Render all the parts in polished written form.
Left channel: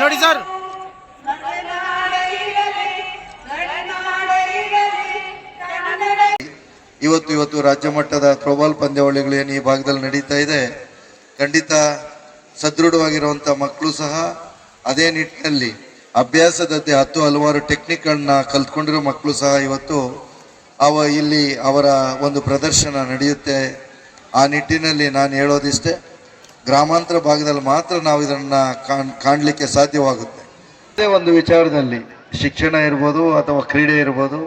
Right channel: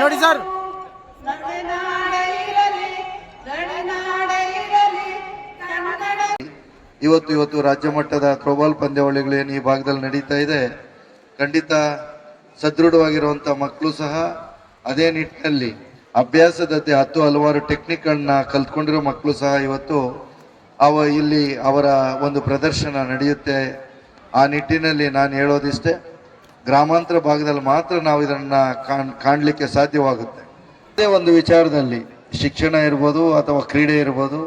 ನೋಡಿ ಸರ್, ಇವತ್ತು ರಾಜ್ಯ ಮಟ್ಟದ ಥ್ರೋಬಾಲ್ ಪಂದ್ಯಾವಳಿಗಳು ಏನು ಈ ಭಾಗದಲ್ಲಿ ನಡೀತಾ ಇದೆ, ಖಂಡಿತ ಸದೃಢವಾಗಿರುವಂಥ ಮಕ್ಕಳು ಸಹ ಅದೇ ನಿಟ್ಟಿನಲ್ಲಿ ಅಭ್ಯಾಸದಂತೆ ಹಲವಾರು ಟೆಕ್ನಿಕ್ಗಳನ್ನ ಕಲ್ತ್ಕೊಂಡಿರೋ ಮಕ್ಕಳು ಸಹ ಇವತ್ತು ಇಲ್ಲಿ ಅವರ ಒಂದು ಪ್ರದರ್ಶನ ನಡೆಯುತ್ತೆ. ಆ ನಿಟ್ಟಿನಲ್ಲಿ ನಾನು ಹೇಳೋದಿಷ್ಟೇ, ಗ್ರಾಮಾಂತರ ಭಾಗದಲ್ಲಿ ಮಾತ್ರ ನಾವು ಇದನ್ನು ಕಾಣಲಿಕ್ಕೆ ಸಾಧ್ಯವಾಗುತ್ತೆ. ಇದೇ ಒಂದು ವಿಚಾರದಲ್ಲಿ ಶಿಕ್ಷಣ ಇರ್ಬೋದು ಅಥವಾ ಕ್ರೀಡೆ ಇರ್ಬೋದು,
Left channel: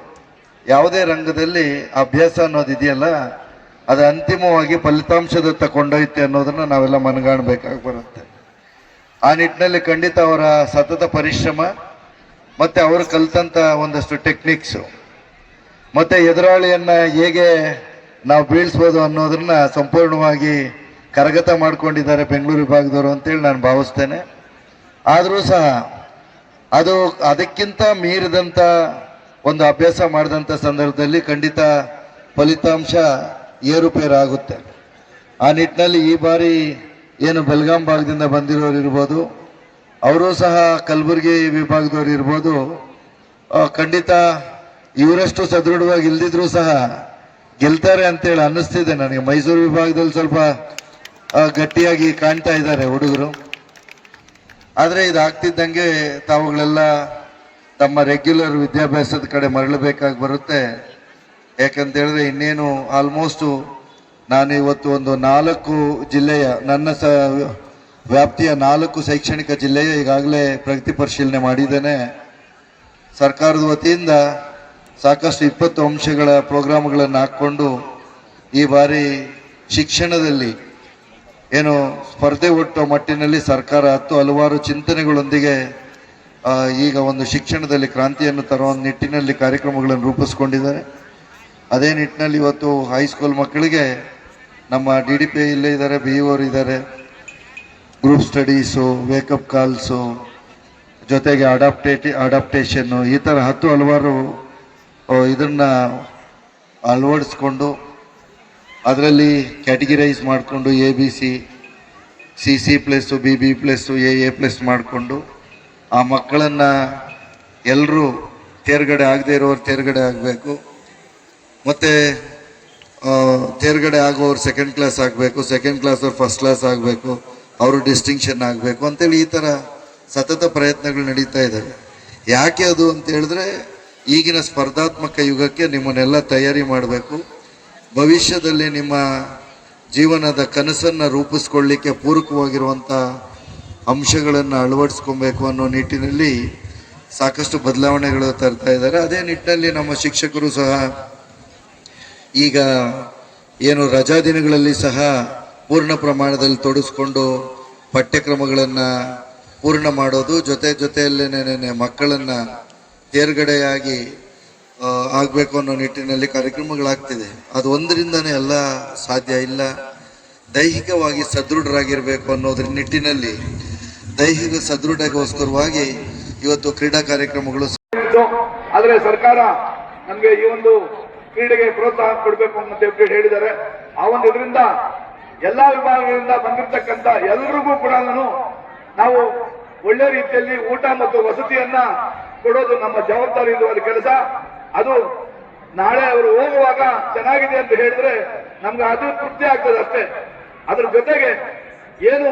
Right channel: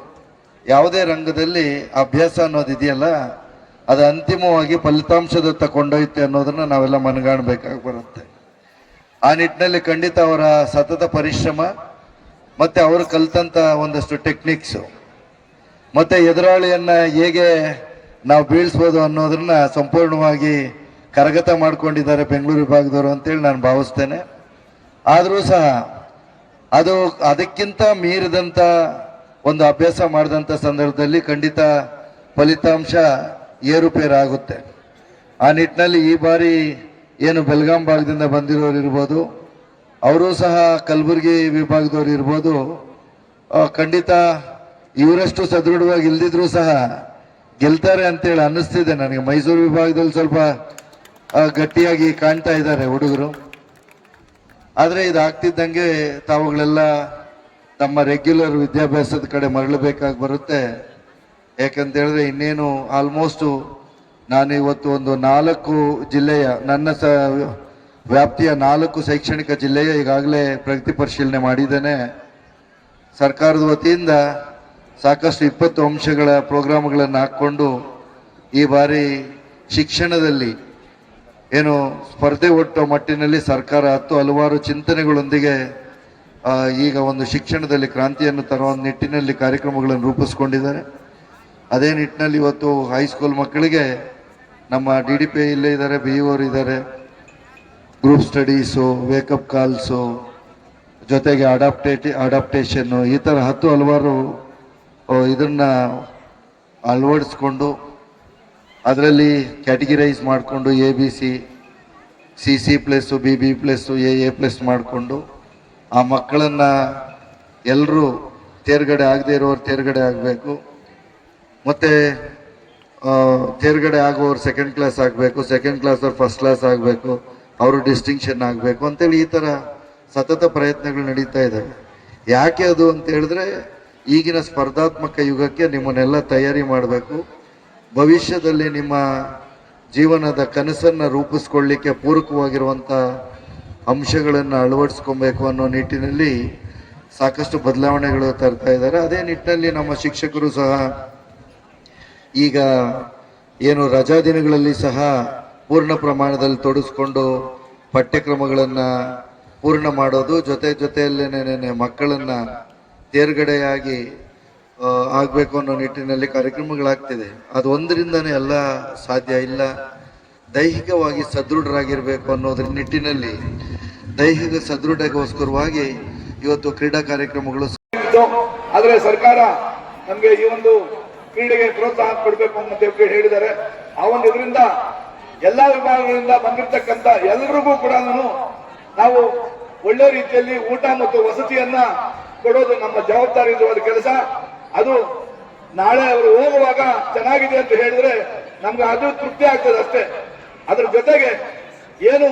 ಯಾವುದೇ ರಂಗದಲ್ಲಿ ಅಭ್ಯಾಸ ಅನ್ನೋದು ಇದೆಯಲ್ಲ, ಅದು ಅಂತಿಮವಾಗಿ ಫಲಿತಾಂಶದತ್ತ ಕೊಂಡೊಯ್ತೆ ಅನ್ನೋದನ್ನು ನಾವೆಲ್ಲ ಮನಗಾಣಬೇಕಾಗಿ ಬರುತ್ತೆ. ಆ ನಿಟ್ಟಿನಲ್ಲಿ ಖಂಡಿತ ಅವರ ಸತತ ಪರಿಶ್ರಮ ಮತ್ತು ಅವರು ಕಲಿತಂಥ ಒಂದಷ್ಟು ಟೆಕ್ನಿಕ್ಸು ಮತ್ತು ಎದುರಾಳಿಯನ್ನು ಹೇಗೆ ನಾವು ಬೀಳಿಸ್ಬೋದು ಅನ್ನೋದನ್ನ ಸಂಪೂರ್ಣವಾಗಿ ಕರಗತ ಮಾಡ್ಕೊಂಡಿದ್ದಾರೆ ಬೆಂಗಳೂರು ವಿಭಾಗದವರು ಅಂತೇಳಿ ನಾನು ಭಾವಿಸ್ತೇನೆ. ಆದರೂ ಸಹ ಅದಕ್ಕಿಂತ ಮೀರಿದಂಥ ಒಂದು ಅಭ್ಯಾಸ ಮಾಡಿದಂಥ ಸಂದರ್ಭದಲ್ಲಿ ಖಂಡಿತ ಫಲಿತಾಂಶ ಏರುಪೇರಾಗುತ್ತೆ. ಆ ನಿಟ್ಟಿನಲ್ಲಿ ಈ ಬಾರಿ ಏನು ಬೆಳಗಾಂ ಭಾಗದಿಂದ ಬಂದಿರೋರು ಇರ್ಬೋದು, ಅವರು ಸಹ ಕಲಬುರಗಿ ವಿಭಾಗದವ್ರು ಇರ್ಬೋದು, ಖಂಡಿತ ಇವರಷ್ಟು ಸದೃಢವಾಗಿ ಇಲ್ದಿದ್ರೂ ಸಹ ಗೆಲ್ತಾರೆ ಅಂತೇಳಿ ಅನ್ನಿಸ್ತಿದೆ ನನಗೆ. ಮೈಸೂರು ವಿಭಾಗದಲ್ಲಿ ಸ್ವಲ್ಪ ಗಟ್ಟಿಯಾಗಿ ಕಾಣ್ತಾ ಇದ್ದಾರೆ ಹುಡುಗರು. ಆದರೆ ಇದಾಗ್ತಿದ್ದಂಗೆ ತಾವುಗಳೆಲ್ಲ ತಮ್ಮ ರೆಗ್ಯುಲರ್ ವಿದ್ಯಾಭ್ಯಾಸದ ಕಡೆ ಮರಳಬೇಕಾಗಿ ಬರುತ್ತೆ. ಯಾಕಂತೇಳಿದ್ರೆ ಇನ್ನೇನು ಆಲ್ಮೋಸ್ಟು ನಾನು ಇವತ್ತು ಒಂದು 4 ಜಿಲ್ಲೆಯ ನನ್ನ ವ್ಯಾಪ್ತಿಯ 4 ಶೈಕ್ಷಣಿಕ ಜಿಲ್ಲೆಯ ಈಗಾಗಲೇ ಪ್ರಗತಿ ಪರಿಶೀಲನೆ ಮಾಡಿದ್ದೇನೆ. ಸರ್ಕಾರದ ವತಿಯಿಂದ ಸಾಕಷ್ಟು 20 ಅಂಶಗಳ ಪ್ರೋಗ್ರಾಮ್ಗಳನ್ನು ಹಾಕ್ಕೊಂಡು ಈ ಬಾರಿ ಶಿಕ್ಷಣದಲ್ಲಿ ಏನು ಸ್ಪರ್ಧೆ ಒಟ್ಟೋ ಮಟ್ಟಿನಲ್ಲಿ ಸರ್ಕಾರ ಹಲವಾರು ಚಿಂತನೆಗಳೊಂದಿಗೆ ಈಗ ಒಂದು ಶಿಕ್ಷಣದಲ್ಲಿ ಕ್ರಾಂತಿಯನ್ನು ತರುವ ನಿಟ್ಟಿನಲ್ಲಿ ಕಾರ್ಯಕ್ರಮಗಳನ್ನು ರೂಪಿಸ್ಕೊಂಡಿದ್ದಾರೆ. ಅದೇ ನಿಟ್ಟಿನಲ್ಲಿ ಇವತ್ತು ಹೈಸ್ಕೂಲ್ ಮಕ್ಕಳಿಗೆ ನಮ್ಮ DDP ಇಲ್ಲೇ ಇದ್ದಾರೆ, BEO ಇದ್ದಾರೆ, ಗ್ರೂಪ್ ಸ್ಟಡೀಸು, ವೇಕಪ್ ಕಾಲ್ಸು, ಜೊತೆಗೆ ಅಡಾಪ್ಟೇಷನ್ನು, ಈ ಥರ ಹಲವಾರು ಇದನ್ನು ಅಳವಡಿಸ್ಕೊಂಡು ಅದರಲ್ಲಿ ಕ್ಯಾಟಗಿರೈಸ್ ಮಾಡಿಕೊಂಡು ABC, CC+, BB+, AA+ ಮಾಡಿಕೊಂಡು ಆ ಮಕ್ಕಳನ್ನು ಎಲ್ಲರೂ ತೇರ್ಗಡೆ ಆಗದೆ ಇರೋರು ತೇರ್ಗಡೆ ಆಗಬೇಕು, ಮತ್ತು ತೇರ್ಗಡೆ ಆಗೋರು ಸೆಕೆಂಡ್ ಕ್ಲಾಸ್ ಆಗಬೇಕು, ಸೆಕೆಂಡ್ ಕ್ಲಾಸ್ ಅವ್ರು ಫಸ್ಟ್ ಕ್ಲಾಸ್ ಆಗಬೇಕು, ಅವರು ಡಿಸ್ಟಿಂಕ್ಷನ್ ಆಗಬೇಕು ಅಂತೇಳಿ ಈ ಥರ ಸತತ ಪ್ರಯತ್ನಗಳು ನಡೀತಾ ಇದ್ದಾವೆ. ಯಾಕೆ ಅದು ಅಂತ ಹೇಳಿದ್ರೆ, ಈಗಿನ ಸ್ಪರ್ಧಾತ್ಮಕ ಯುಗಕ್ಕೆ ನಿಮ್ಮನ್ನೆಲ್ಲ ತಯಾರಿ ಮಾಡಬೇಕು. ಭವಿಷ್ಯದಲ್ಲಿ ನಿಮ್ಮ ಜೀವನದ ಕನಸನ್ನು ರೂಪಿಸ್ಕೊಳ್ಳಿಕ್ಕೆ ಪೂರಕವಾಗಿರುವಂಥ ಅಂಶಗಳನ್ನು ಅಳವಡಿಸ್ಕೊಬೇಕು ಅನ್ನೋ ನಿಟ್ಟಿನಲ್ಲಿ ಸಾಕಷ್ಟು ಬದಲಾವಣೆಗಳು ತರ್ತಾ ಇದ್ದಾರೆ. ಅದೇ ನಿಟ್ಟಿನಲ್ಲಿ ನಮ್ಮ ಶಿಕ್ಷಕರು ಸಹ ಈಗ ಏನು ರಜಾ ದಿನಗಳಲ್ಲಿ ಸಹ ಪೂರ್ಣ ಪ್ರಮಾಣದಲ್ಲಿ ತೊಡಗಿಸ್ಕೊಂಡು ಪಠ್ಯಕ್ರಮಗಳನ್ನು ಪೂರ್ಣ ಮಾಡೋದು, ಜೊತೆಯಲ್ಲೇನೆ ಮಕ್ಕಳನ್ನು ತೇರ್ಗಡೆಯಾಗಿ ಆಗಬೇಕು ಅನ್ನೋ ನಿಟ್ಟಿನಲ್ಲಿ ಕಾರ್ಯಕ್ರಮಗಳಾಗ್ತಿದೆ. ಅದು ಒಂದರಿಂದನೇ ಎಲ್ಲ ಸಾಧ್ಯ ಇಲ್ಲ. ದೈಹಿಕವಾಗಿ ಸದೃಢರಾಗಿರಬೇಕು ಅನ್ನೋದ್ರ ನಿಟ್ಟಿನಲ್ಲಿ ದೈಹಿಕ ಸದೃಢಗೋಸ್ಕರವಾಗಿ ಇವತ್ತು ಕ್ರೀಡಾ ಕಾರ್ಯಕ್ರಮಗಳು. ಆದರೆ ಸರ್ಕಾರ ನಮಗೆ ಈ ಒಂದು ಕ್ರೀಡೆಗೆ ಪ್ರೋತ್ಸಾಹ ಕೊಡಬೇಕು ಅಂತ ಹೇಳಿದ್ದಾರೆ. ಆ ಒಂದು ಇದರಿಂದ ಎಲ್ಲಾ ವಿಭಾಗಗಳಿಂದ ಬಂದಿರತಕ್ಕಂತ ಎಲ್ಲರಿಗೂ ಕೂಡ ನಾವು ಒಳ್ಳೆ ರೀತಿಯಲ್ಲಿ ಊಟ ಮತ್ತು ವಸತಿಯನ್ನ ಕೊಡೋದು ನಮ್ಮ ಜವಾಬ್ದಾರಿ ಇರುವ ಕೆಲಸ. ಅದು ನಾಳೆ ಅವರು ಹೋಗುವಾಗ ಚೆನ್ನಾಗಿದೆ ಅಂತ ಹೇಳಿದ್ರೆ ನಮ್ಗೆ ಅದು ತೃಪ್ತಿ ಆಗ್ತದೆ ಅಷ್ಟೇ. ಅದ್ರ ಜೊತೆಗೆ ಏನು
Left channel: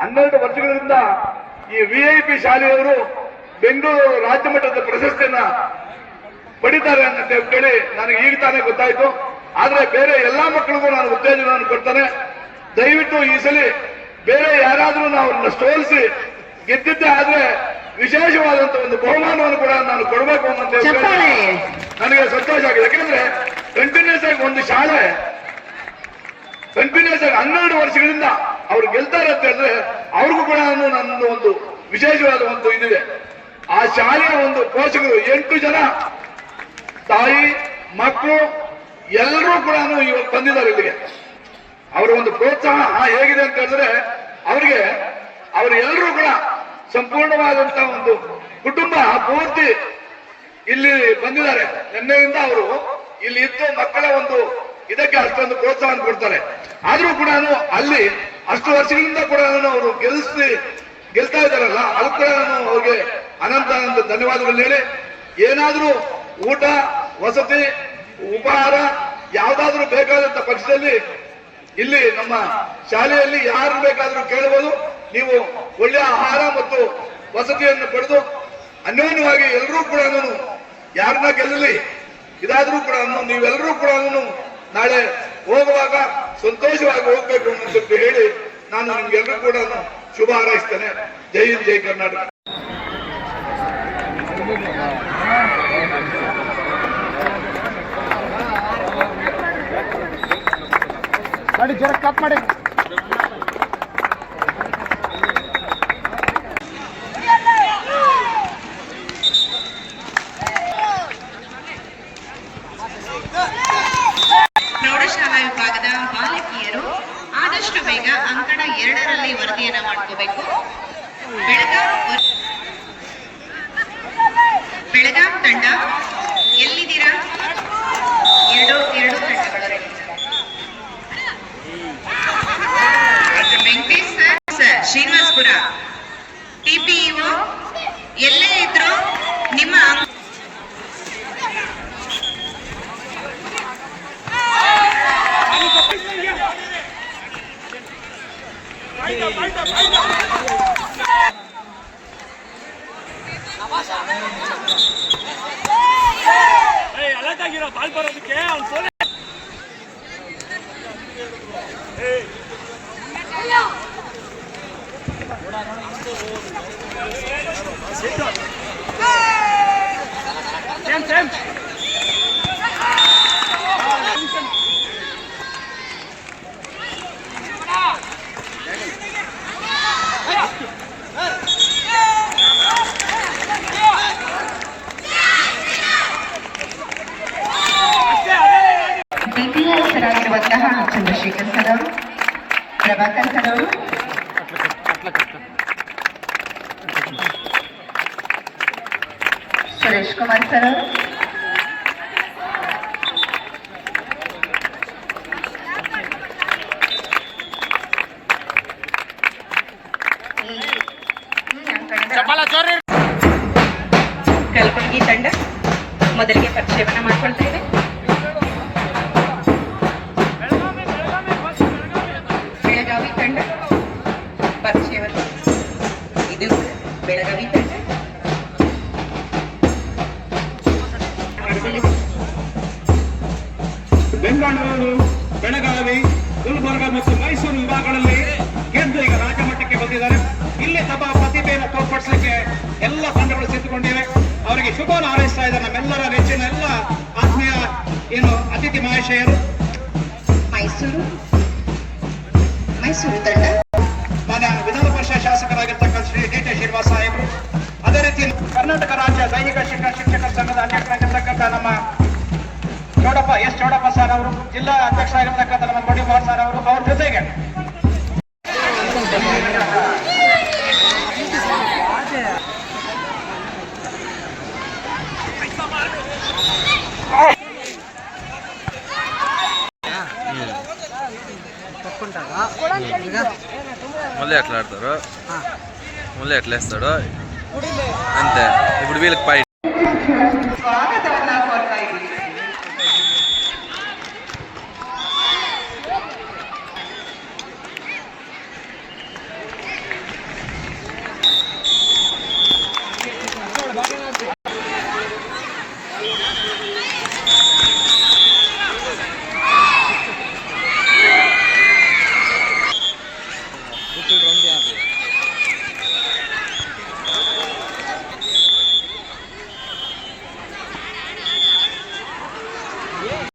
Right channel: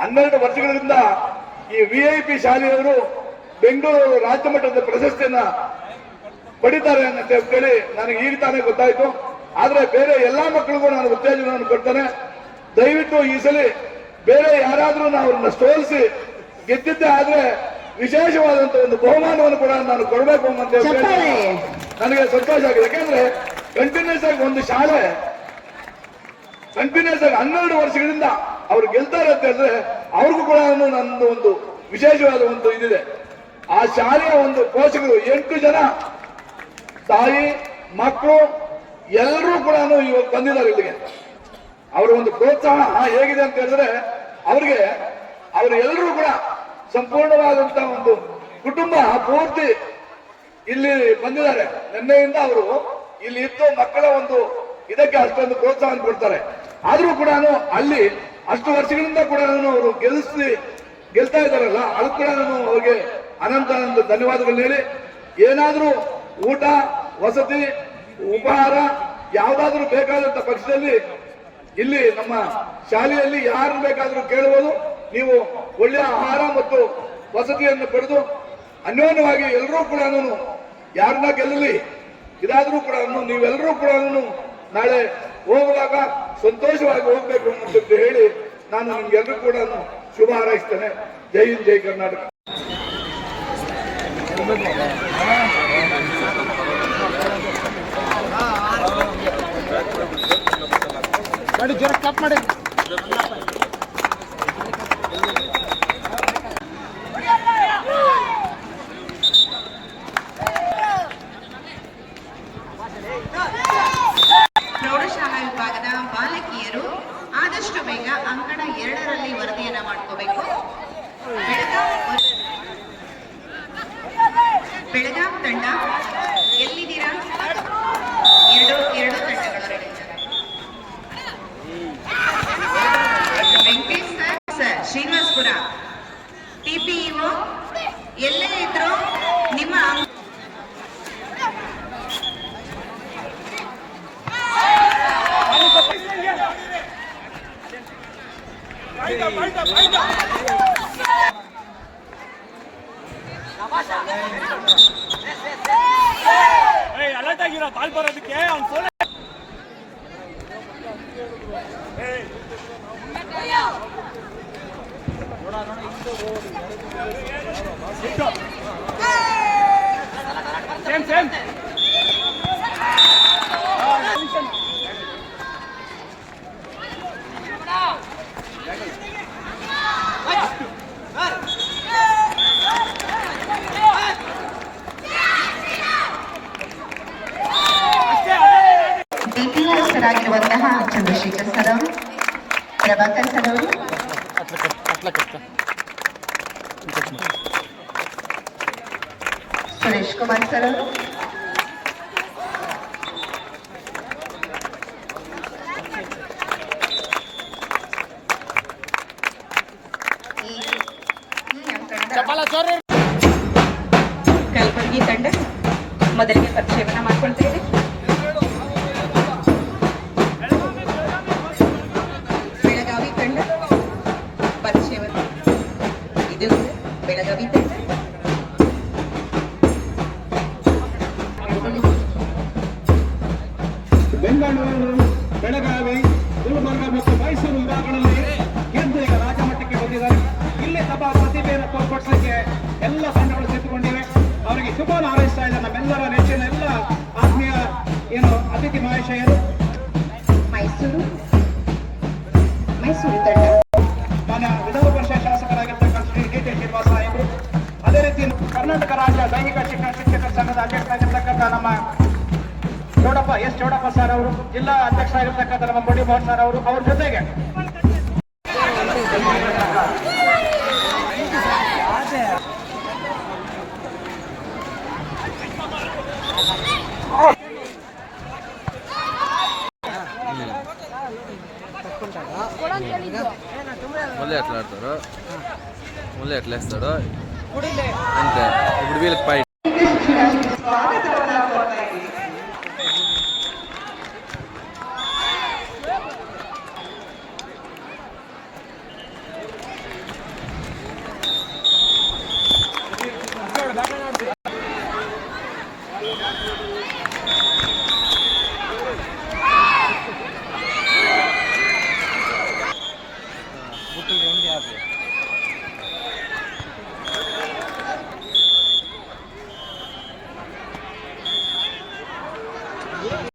12 ವರ್ಷಗಳಿಂದ ಈ VIP ಶಾಲೆಯವರು ಬೆಂಗಳೂರು ರಾಜ್ಯ ಮಟ್ಟದ ಪ್ರಶಸ್ತಿಯನ್ನ ಪಡಿತಾರೆ ಅಂತ ಹೇಳಿ ನನಗೆ ಈಗ ತಾನೇ ಗೊತ್ತಾಯ್ತು. ಆದ್ರೆ ಬೇರೆ ಎಲ್ಲಾ ಮಕ್ಕಳಿಗೂ ನಾನು ಉತ್ತೇಜನವನ್ನು ಕೊಡ್ತಾನೆ. ದಯವಿಟ್ಟು ಈ ಸಲ ಬೇರೆ ಯಾರಾದ್ರೂ ನಾವು ಸೋಲಿಸಿ ಗೆದ್ದಿದ್ದೆ ಆದ್ರೆ ವಿಶೇಷವಾದಂತ ಒಂದು ಬಹುಮಾನವನ್ನು ಕೂಡ ನಾನು ಕೊಡಬೇಕು ಅಂತ ನನಗೆ ಸಂತೋಷ ಆಗಿದೆ. ಯಾಕಂದ್ರೆ ಕಂಟಿನ್ಯೂಸ್ ಆಗಿ ಒಂದು ಶಾಲೆ ಕಂಟಿನ್ಯೂಸ್ ಆಗಿ 12 ವರ್ಷಗಳಿಂದ ಅವ್ರು ಗೆಲ್ತಾರೆ ಅಂತ ಹೇಳಿದ್ರೆ ಅವ್ರಿಗೂ ಕೂಡ ನನ್ನದು ಒಂದು ವಿಶೇಷವಾದ ಒಂದು ಇದಿದೆ. ಆ ಶಾಲೆಯ ಒಂದು ಪೋಷಕರು 8 ಜನ ತಾಯಿ ಮಕ್ಕಳು ಎಲ್ಲರೂ ಕೂಡ ಇವಾಗ ಬಂದಿದ್ದಾರೆ ಇಲ್ಲಿಗೆ. ಅವರ ಒಂದು ಪ್ರೋತ್ಸಾಹ ಹೇಗಿದೆ ಅಂತ ಹೇಳಿದ್ರೆ ಅವರಿಗೆ ಅವರೆಲ್ಲರೂ ಕೂಡ ಸಂಪೂರ್ಣವಾದಂತಹ ಒಂದು ಕುಟುಂಬ ಪೂರ್ತಿ ಇಲ್ಲಿ ಬಂದಿದ್ದಾರೆ. ನಿನ್ನೆಯಿಂದ ಅವರು ಇಲ್ಲಿ ಇದ್ದು ಮಕ್ಕಳ ಒಂದು ಇದಕ್ಕೆ ಅಷ್ಟೊಂದು ಪ್ರೋತ್ಸಾಹ ಕೊಡ್ತಾರೆ. ಆದ್ರೂ ಕೂಡ ಅಲ್ಲಿ ಅಷ್ಟು ವರ್ಷಗಳಿಂದ ಕೂಡ ಅವರು ಗೆಲ್ತಾ ಇದ್ದಾರಲ್ಲ, ಅದು ಕೂಡ ಅವ್ರಿಗೆ ಅನಂತ ಧನ್ಯವಾದಗಳು ಹೇಳಿ, ಏನಾದ್ರೂ ಊಟ ವಸತಿ ಉಪಹಾರ ಯಾವ್ದಾದ್ರೂ ಬೇಕಾದಂತ ಪಕ್ಷದಲ್ಲಿ ಇಲ್ಲಿ ನಮ್ಮ ಶಾಲೆಯಲ್ಲಿ ಯಾರು ಬೇಕಾದ್ರೂ ಕೇಳಬಹುದು. ನೀವು ಒಳ್ಳೆಯ ಆಹಾರ ಮತ್ತು ವಸತಿಯನ್ನು ಪಡೆದು ಅನ್ಯೋನ್ಯವಾಗಿ ಎಲ್ಲರೂ ಕೂಡ ಯಾರನ್ನ ಗೆಲ್ಲಲಿ ಇದಾದ್ರೂ ಕೂಡ ನೀವೆಲ್ಲರೂ ಕೂಡ ನಾಳೆ ಹೋಗುವಾಗ ಸಂತೋಷವಾಗಿ ಹೋಗ್ಬೇಕು ಅಂತ ಹೇಳಿ ನಾನು ನಿಮ್ಗೆಲ್ಲರೂ ಕೂಡ ಶುಭ ಹಾರೈಸ್ತೇನೆ. ಜೈ ಹಿಂದ್, ಜೈ ಕರ್ನಾಟಕ. ಪ್ರೌಢಶಾಲಾ ವಿಭಾಗದ ಬಾಲಕಿಯರು ಆದಷ್ಟು ಬೇಗ ಅಂಕಣ 2ರಲ್ಲಿ ವರದಿಯನ್ನ ಮಾಡ್ಕೋಬೇಕು. ಬೆಳಗಾಂ ತಂಡ ಎಲ್ಲಿದ್ದೀರಾ? ಎರಡು ತಂಡಗಳು ready. Venkatesh sir Srinivaspur TPEO ಎಲ್ಲೇ ಇದ್ರು ನಿಮ್ಮ ಆಗಿರುವಂತಹ ಚಂದ್ರಶೇಖರ್ ಸರ್ ಅವರು, ಪ್ರಭಾಕರ್ ಸರ್ ಅವರು, ಸುರೇಶ್ ಕುಮಾರ್ ಸರ್ ಅವರು, ಕಲಬುರಗಿ ತಂಡ ಮೊದಲಿಗೆ ಪರಿಚಯವನ್ನ ಮಾಡ್ಕೊಳ್ತೇವೆ. ಬೆಳಗಾವಿ ತಂಡ ಪರಿಚಯವನ್ನು, ಇದು ಬೆಳಗಾವಿ ತಂಡ. ಬೆಂಗಳೂರು, ಬೆಳಗಾವಿ, ಗುಲ್ಬರ್ಗ ಮತ್ತು ಮೈಸೂರು ವಿಭಾಗಗಳಲ್ಲಿ ಗೆದ್ದು ಈಗ ರಾಜ್ಯ ಮಟ್ಟಕ್ಕೆ ಬಂದಿದ್ದಾರೆ. ಇಲ್ಲಿ ತಮ್ಮ ಪ್ರತಿಭೆಯನ್ನು ತೋರ್ಪಡಿಸಲಿಕ್ಕೆ ಎಲ್ಲ ತಂಡಗಳು ಸಿದ್ಧಗೊಂಡಿವೆ. ಅವರಿಗೆ ಶುಭ ಹಾರೈಸ್ತಾ ಇದ್ದಾರೆ ನಮ್ಮೆಲ್ಲರ ನೆಚ್ಚಿನ ಎಲ್ಲ ಆತ್ಮೀಯ ಅತಿಥಿ ಮಹಾಶಯರು. ಮೈಸೂರು ತಂಡ ಮಾನ್ಯ ವಿಧಾನ ಪರಿಷತ್ ಶಾಸಕರಾಗಿರ್ತಕ್ಕಂಥ ಶ್ರೀ ಡಿ.ಟಿ. ಶ್ರೀನಿವಾಸ ಸಾಹೇಬರು, ಅದೇ ರೀತಿ ಕರ್ನಾಟಕ ರಾಜ್ಯ ದೈಹಿಕ ಶಿಕ್ಷಕರ ಸಂಘದ ಅಧ್ಯಕ್ಷರಾಗಿರ್ತಕ್ಕಂಥ ನಮ್ಮ ಚೌಡಪ್ಪ ಸರ್ ಅವರು, ಜಿಲ್ಲಾ ಅಧ್ಯಕ್ಷರಾಗಿರ್ತಕ್ಕಂಥ ನಮ್ಮ ಕೊಡಿ ಮೋಹನ್ ಸರ್ ಅವರು, ಅವ್ರ ಜೊತೆಗೆ మళ్ళీ ఎట్లా ఆడతారు, మళ్ళీ ఎట్లా వేస్తాడు అంతే. ఇప్పుడు వీళ్ళకి పై